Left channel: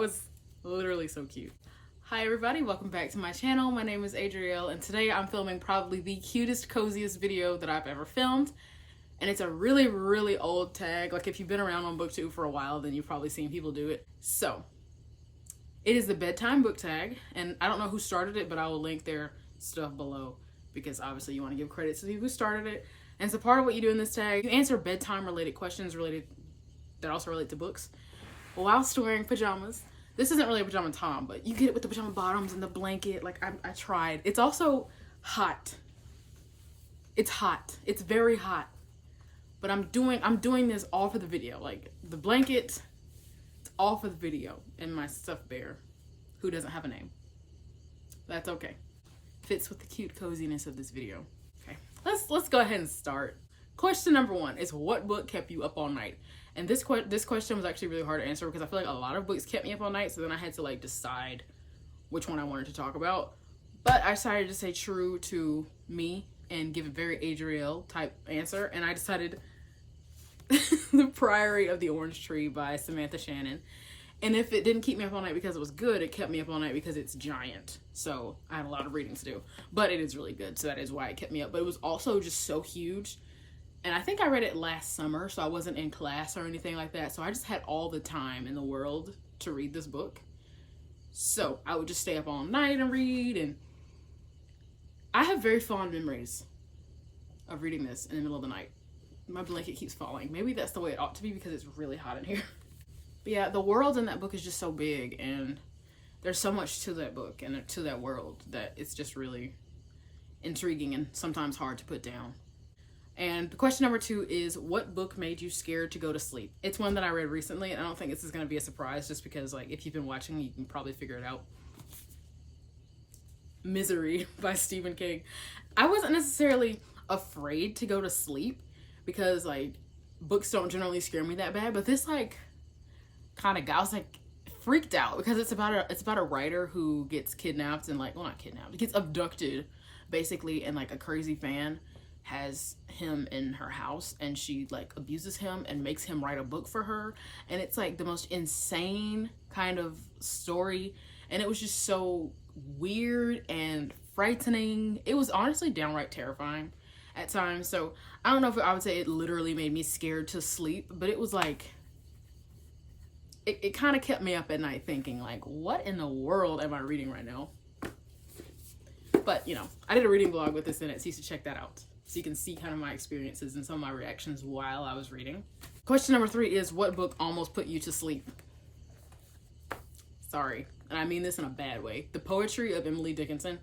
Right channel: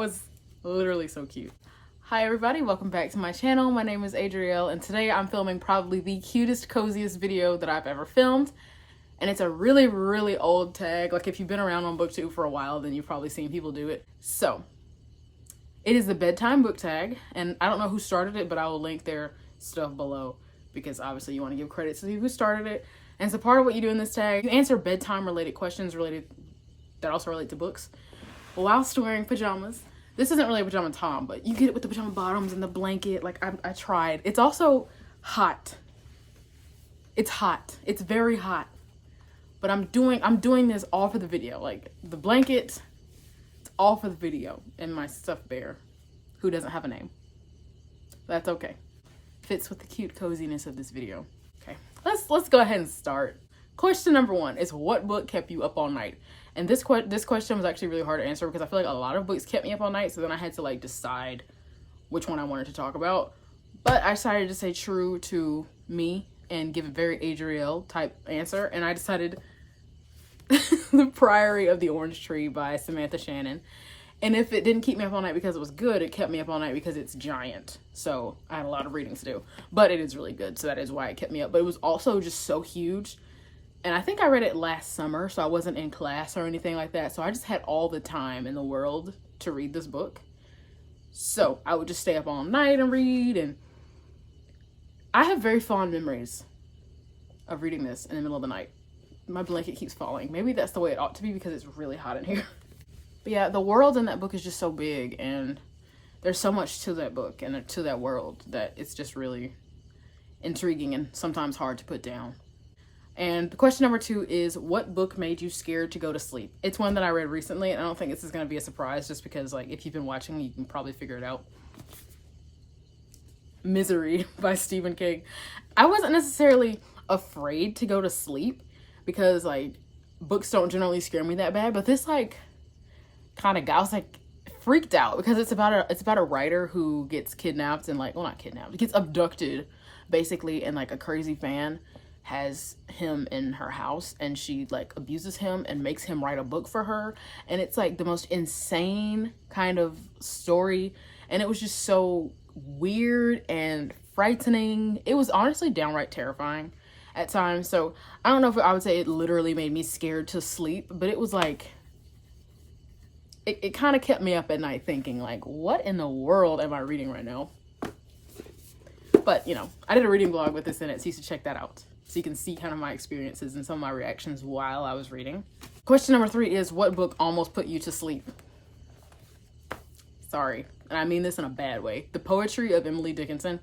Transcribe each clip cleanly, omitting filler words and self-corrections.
was literally so cute. Hi everybody, welcome back to my channel. My name is Adrielle and today I'm filming probably the cutest, coziest video that I've ever filmed. And it's a really, really old tag. Like if you've been around on BookTube for a while, then you've probably seen people do it. So, it is the Bedtime book tag. And I don't know who started it, but I will link their stuff below. Because obviously you want to give credit to who started it. And so part of what you do in this tag, you answer bedtime related questions that also relate to books whilst wearing pajamas. This isn't really a pajama tom, but you get it with the pajama bottoms and the blanket. Like I tried. It's also hot. It's hot. It's very hot. But I'm doing this all for the video. Like the blanket, it's all for the video. And my stuffed bear, who doesn't have a name. That's okay. Fits with the cute coziness of this video. Okay, let's go ahead and start. Question number 1 is, what book kept you up all night? And this question was actually really hard to answer because I feel like a lot of books kept me up all night. So then I had to like decide which one I wanted to talk about. But I decided to stay true to me and give a very Adrielle type answer. And I decided The Priory of the Orange Tree by Samantha Shannon. And if it didn't keep me up all night because it was good, it kept me up all night because it's giant. So I had a lot of reading to do. But it is really good, so that is why it kept me up. But it was also just so huge. And I think I read it last summer, so I wasn't in class or anything like that. So I just had all the time in the world to read this book. So I would just stay up all night and read. And I have very fond memories of reading this in the middle of the night. My blanket keeps falling. Maybe that's the way it ought to be because it's really hot in here. But yeah, the world in that book is just so big. And there's so much to that book and to that world that it's just really intriguing and sometimes hard to put down. And question number 2 is, what book made you scared to go to sleep? It's one that I read recently, and I don't think this is going to be a surprise just because, like, if you've been watching, you can probably figure it out. Misery by Stephen King. I wasn't necessarily afraid to go to sleep because, like, books don't generally scare me that bad, but this, like, kind of I was, like, freaked out because it's about a writer who gets kidnapped and, like, well, not kidnapped, gets abducted, basically, and, like, a crazy fan has him in her house and she like abuses him and makes him write a book for her, and it's like the most insane kind of story, and it was just so weird and frightening. It was honestly downright terrifying at times. So I don't know if I would say it literally made me scared to sleep, but it was like it kind of kept me up at night thinking like, what in the world am I reading right now? But you know, I did a reading vlog with this in it, so you should check that out. So you can see kind of my experiences and some of my reactions while I was reading. Question number 3 is, what book almost put you to sleep? Sorry, and I mean this in a bad way. The Poetry of Emily Dickinson.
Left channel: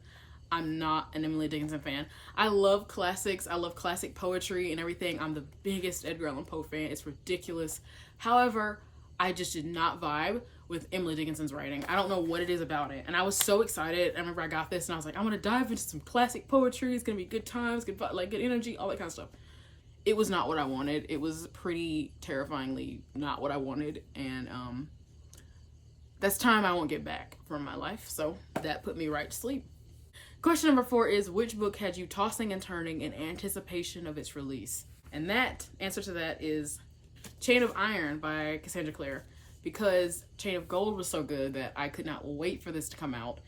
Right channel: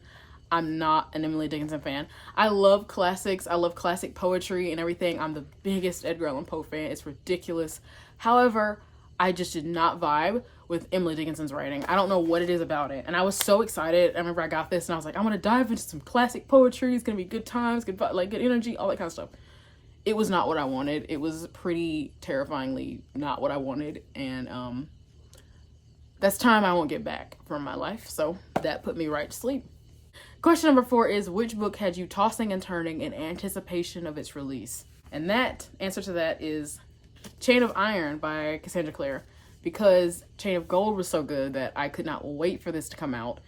I'm not an Emily Dickinson fan. I love classics. I love classic poetry and everything. I'm the biggest Edgar Allan Poe fan. It's ridiculous. However, I just did not vibe with Emily Dickinson's writing. I don't know what it is about it. And I was so excited. I remember I got this and I was like, I'm gonna dive into some classic poetry. It's gonna be good times, good energy, all that kind of stuff. It was not what I wanted. It was pretty terrifyingly not what I wanted. And that's time I won't get back from my life. So that put me right to sleep. Question number 4 is, which book had you tossing and turning in anticipation of its release? And that answer to that is Chain of Iron by Cassandra Clare. Because Chain of Gold was so good that I could not wait for this to come out.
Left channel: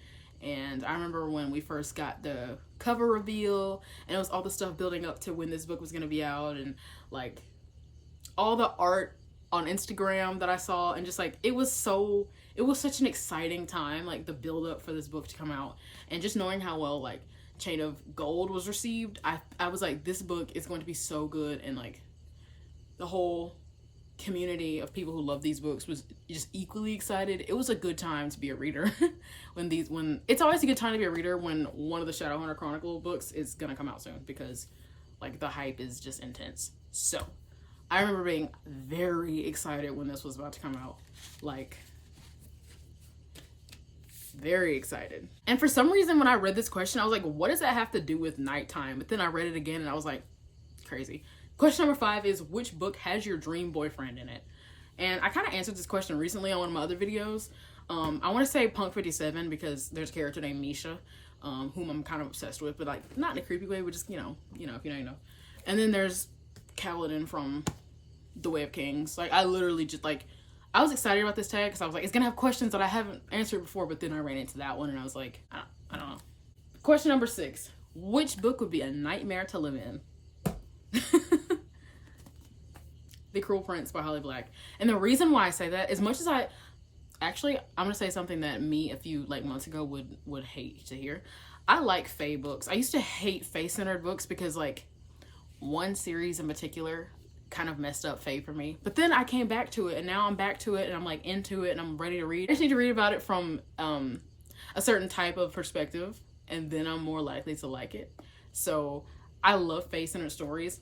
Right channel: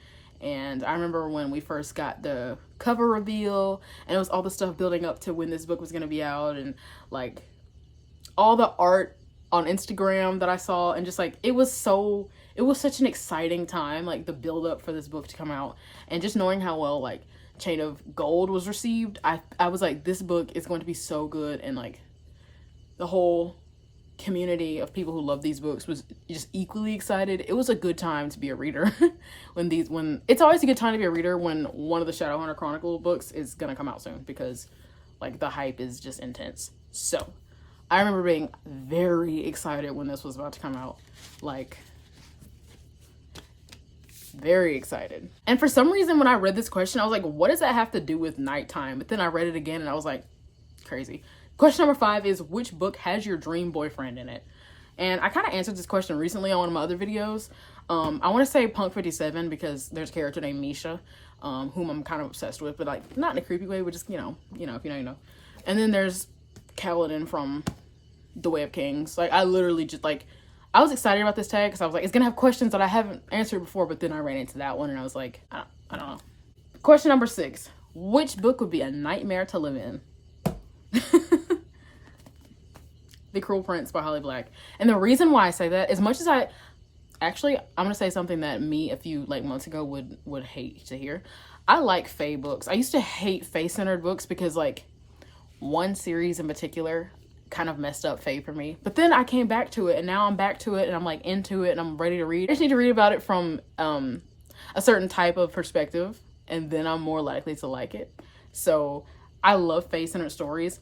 And I remember when we first got the cover reveal, and it was all the stuff building up to when this book was going to be out, and like all the art on Instagram that I saw, and just like it was such an exciting time, like the build up for this book to come out, and just knowing how well like Chain of Gold was received, I was like, this book is going to be so good, and like the whole community of people who love these books was just equally excited. It was a good time to be a reader when it's always a good time to be a reader when one of the Shadowhunter Chronicle books is gonna come out soon, because like the hype is just intense. So I remember being very excited when this was about to come out, like very excited. And for some reason when I read this question, I was like, what does that have to do with nighttime? But then I read it again and I was like, crazy. Question number 5 is, which book has your dream boyfriend in it? And I kind of answered this question recently on one of my other videos. I want to say Punk 57 because there's a character named Misha, whom I'm kind of obsessed with, but like not in a creepy way, but just, you know, if you know, you know. And then there's Kaladin from The Way of Kings. Like I literally just like, I was excited about this tag because I was like, it's gonna have questions that I haven't answered before, but then I ran into that one and I was like, I don't know. Question number 6. Which book would be a nightmare to live in? The Cruel Prince by Holly Black. And the reason why I say that, as much as I'm gonna say something that me a few like months ago would hate to hear. I like fae books. I used to hate fae-centered books because like one series in particular kind of messed up fae for me. But then I came back to it and now I'm back to it and I'm like into it and I'm ready to read. I just need to read about it from a certain type of perspective and then I'm more likely to like it. So I love fae-centered stories,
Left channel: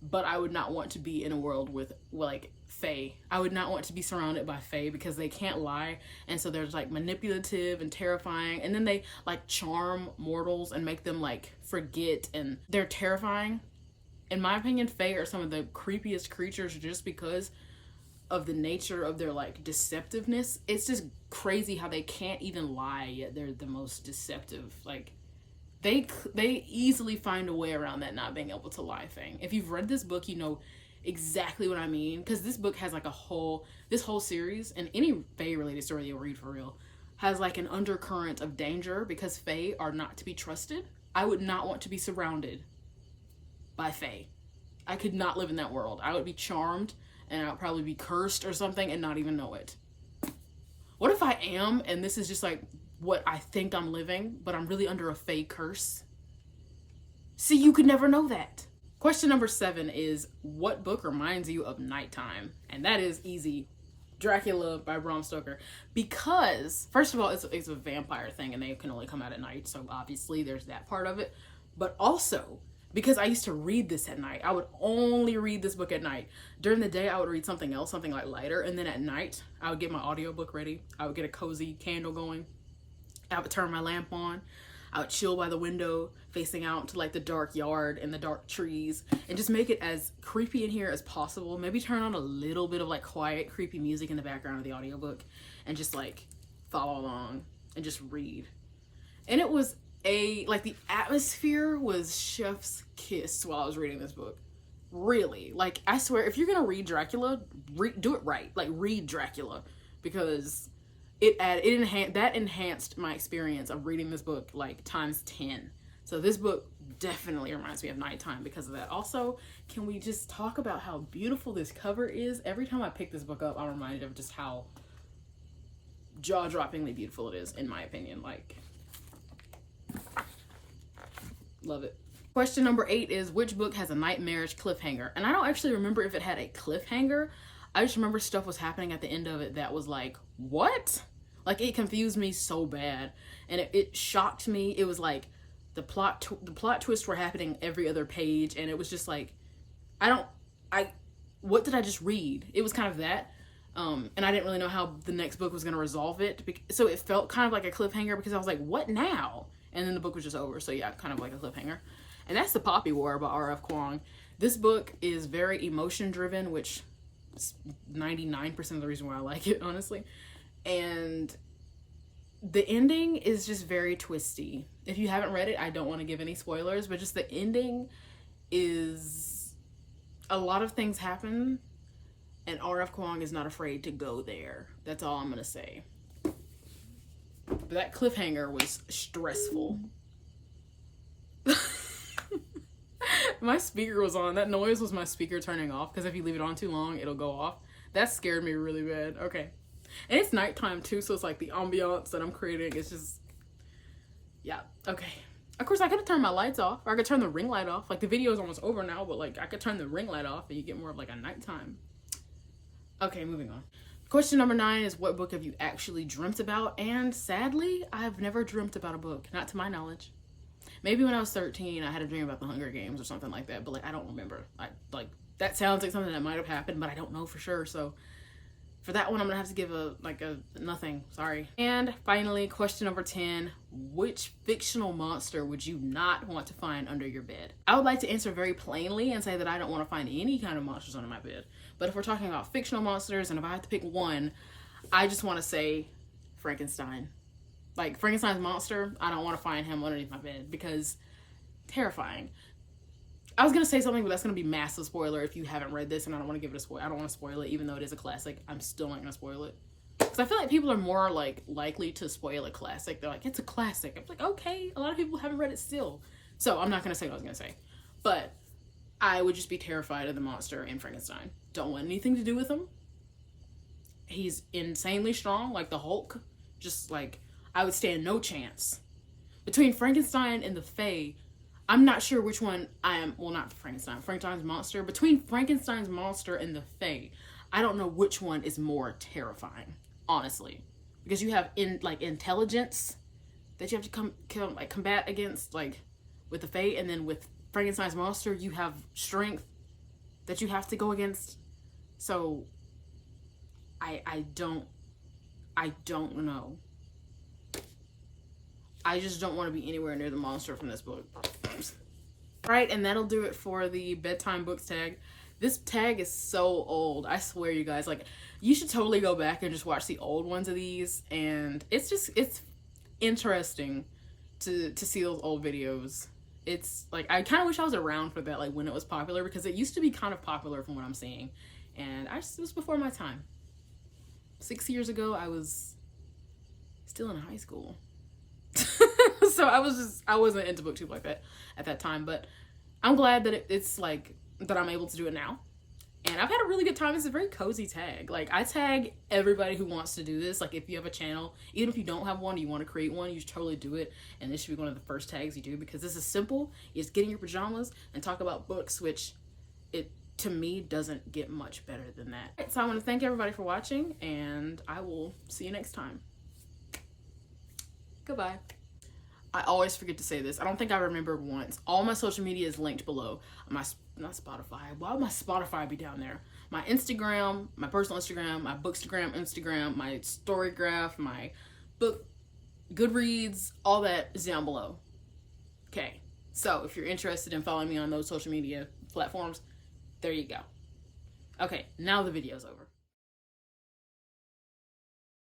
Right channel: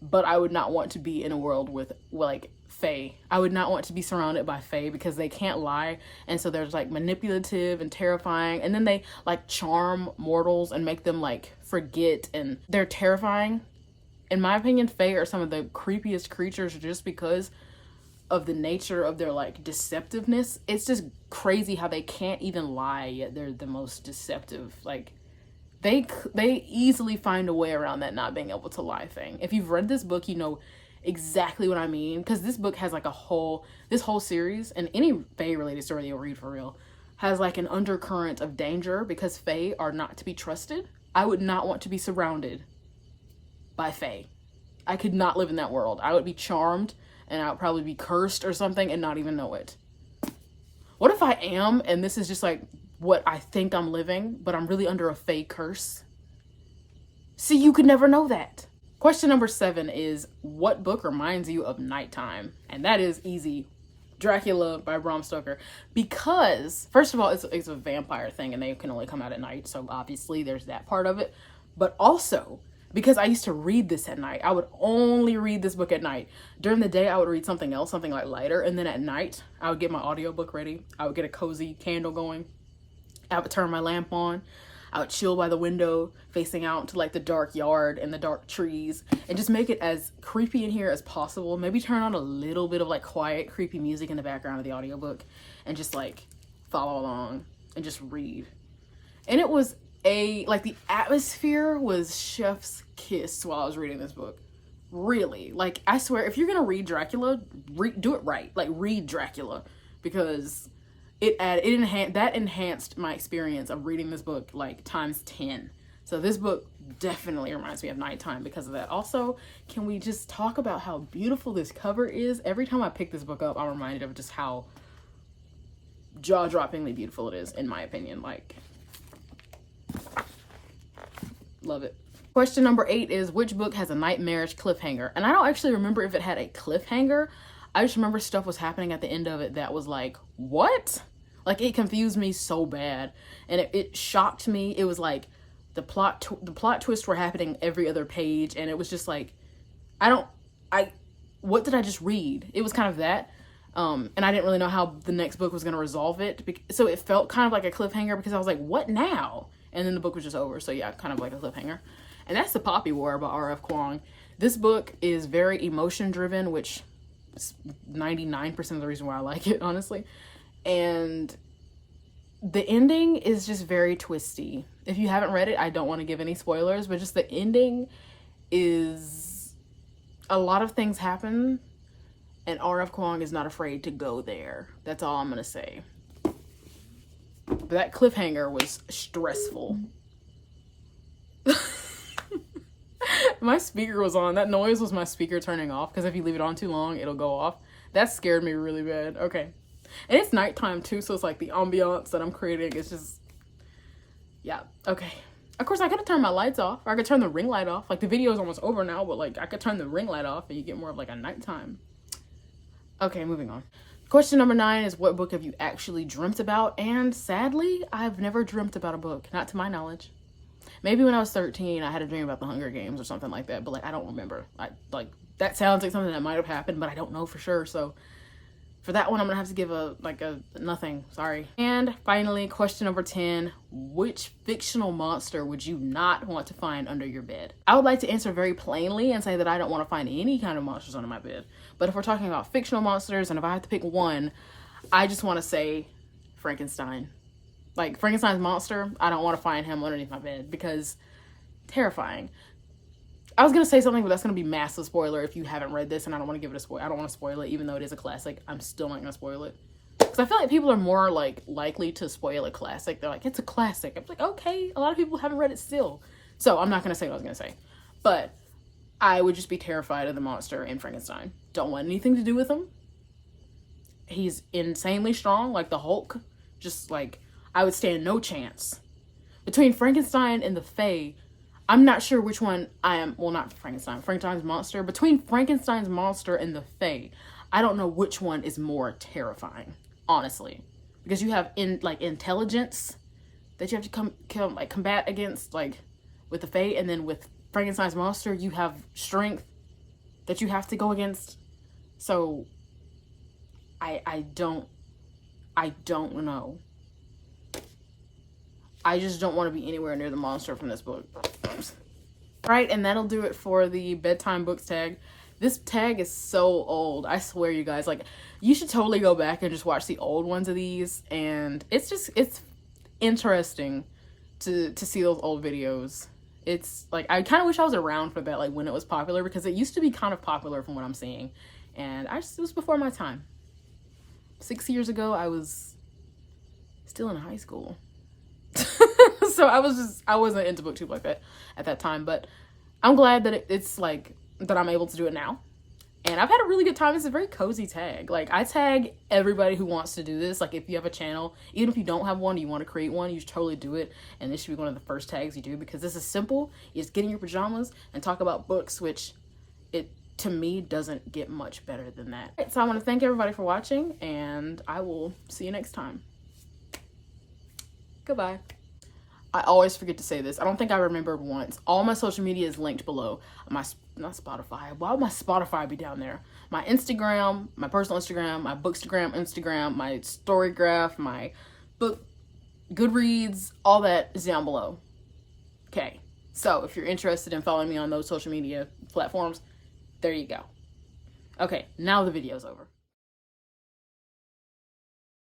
but I would not want to be in a world with like fae. I would not want to be surrounded by fae because they can't lie, and so they're like manipulative and terrifying, and then they like charm mortals and make them like forget, and they're terrifying. In my opinion, fae are some of the creepiest creatures just because of the nature of their like deceptiveness. It's just crazy how they can't even lie, yet they're the most deceptive. Like they easily find a way around that not being able to lie thing. If you've read this book, you know exactly what I mean, because this book has like this whole series, and any fae related story you'll read for real has like an undercurrent of danger because fae are not to be trusted. I would not want to be surrounded by fae. I could not live in that world. I would be charmed and I would probably be cursed or something and not even know it. What if I am and this is just like what I think I'm living, but I'm really under a fae curse? See, you could never know that. Question number 7 is, what book reminds you of nighttime? And that is easy. Dracula by Bram Stoker. Because, first of all, it's a vampire thing and they can only come out at night. So obviously there's that part of it. But also, because I used to read this at night. I would only read this book at night. During the day, I would read something else, something like lighter. And then at night, I would get my audiobook ready. I would get a cozy candle going. I would turn my lamp on. I would chill by the window, facing out to like the dark yard and the dark trees, and just make it as creepy in here as possible. Maybe turn on a little bit of like quiet, creepy music in the background of the audiobook and just like follow along and just read. And it was like the atmosphere was chef's kiss while I was reading this book. Really. Like, I swear, if you're gonna read Dracula, do it right. Like, read Dracula, because that enhanced my experience of reading this book like times 10. So this book definitely reminds me of nighttime because of that. Also, can we just talk about how beautiful this cover is? Every time I pick this book up, I'm reminded of just how jaw-droppingly beautiful it is, in my opinion. Like, love it. Question number 8 is, which book has a nightmarish cliffhanger? And I don't actually remember if it had a cliffhanger. I just remember stuff was happening at the end of it that was like, what? Like, it confused me so bad, and it shocked me. It was like the plot twists were happening every other page, and it was just like, what did I just read? It was kind of that, and I didn't really know how the next book was going to resolve it, so it felt kind of like a cliffhanger because I was like, what now? And then the book was just over, so yeah, kind of like a cliffhanger. And that's The Poppy War by R.F. Kuang. This book is very emotion-driven, which is 99% of the reason why I like it, honestly. And the ending is just very twisty. If you haven't read it, I don't want to give any spoilers, but just the ending is, a lot of things happen, and R.F. Kuang is not afraid to go there. That's all I'm going to say. But that cliffhanger was stressful. My speaker was on. That noise was my speaker turning off, because if you leave it on too long, it'll go off. That scared me really bad. Okay. And it's nighttime too, so it's like the ambiance that I'm creating is just, yeah, okay. Of course, I could have turned my lights off, or I could turn the ring light off. Like, the video is almost over now, but like, I could turn the ring light off and you get more of like a nighttime. Okay, moving on. Question number 9 is, what book have you actually dreamt about? And sadly, I've never dreamt about a book, not to my knowledge. Maybe when I was 13, I had a dream about the Hunger Games or something like that, but like, I don't remember. That sounds like something that might have happened, but I don't know for sure, so for that one, I'm gonna have to give a nothing, sorry. And finally, question number 10, which fictional monster would you not want to find under your bed? I would like to answer very plainly and say that I don't want to find any kind of monsters under my bed. But if we're talking about fictional monsters, and if I have to pick one, I just want to say Frankenstein. Like, Frankenstein's monster, I don't want to find him underneath my bed because terrifying. I was gonna say something, but that's gonna be massive spoiler if you haven't read this, and I don't want to give it a spoil. I don't want to spoil it, even though it is a classic. I'm still not gonna spoil it because I feel like people are more like likely to spoil a classic. They're like, it's a classic. I'm like, okay, a lot of people haven't read it still, so I'm not gonna say what I was gonna say. But I would just be terrified of the monster in Frankenstein. Don't want anything to do with him. He's insanely strong, like the Hulk. Just like, I would stand no chance. Between Frankenstein and the Fae, I'm not sure which one I am. Well, not Frankenstein. Frankenstein's monster. Between Frankenstein's monster and the Fae, I don't know which one is more terrifying, honestly. Because you have intelligence that you have to combat against, like with the Fae, and then with Frankenstein's monster, you have strength that you have to go against. So I don't know. I just don't want to be anywhere near the monster from this book. Right, and that'll do it for the bedtime books tag. This tag is so old. I swear, you guys, like, you should totally go back and just watch the old ones of these. And it's interesting to see those old videos. It's like, I kind of wish I was around for that, like when it was popular, because it used to be kind of popular from what I'm seeing. And it was before my time. 6 years ago, I was still in high school. So I wasn't into booktube like that at that time, but I'm glad that it's like that I'm able to do it now. And I've had a really good time. It's a very cozy tag. Like, I tag everybody who wants to do this. Like, if you have a channel, even if you don't have one, you want to create one, you should totally do it. And this should be one of the first tags you do, because this is simple. You just get in your pajamas and talk about books, which to me doesn't get much better than that. So I want to thank everybody for watching, and I will see you next time. Goodbye. I always forget to say this. I don't think I remembered once. All my social media is linked below. Not Spotify. Why would my Spotify be down there? My Instagram, my personal Instagram, my Bookstagram Instagram, my Storygraph, my book, Goodreads, all that is down below. Okay. So if you're interested in following me on those social media platforms, there you go. Okay, now the video's over.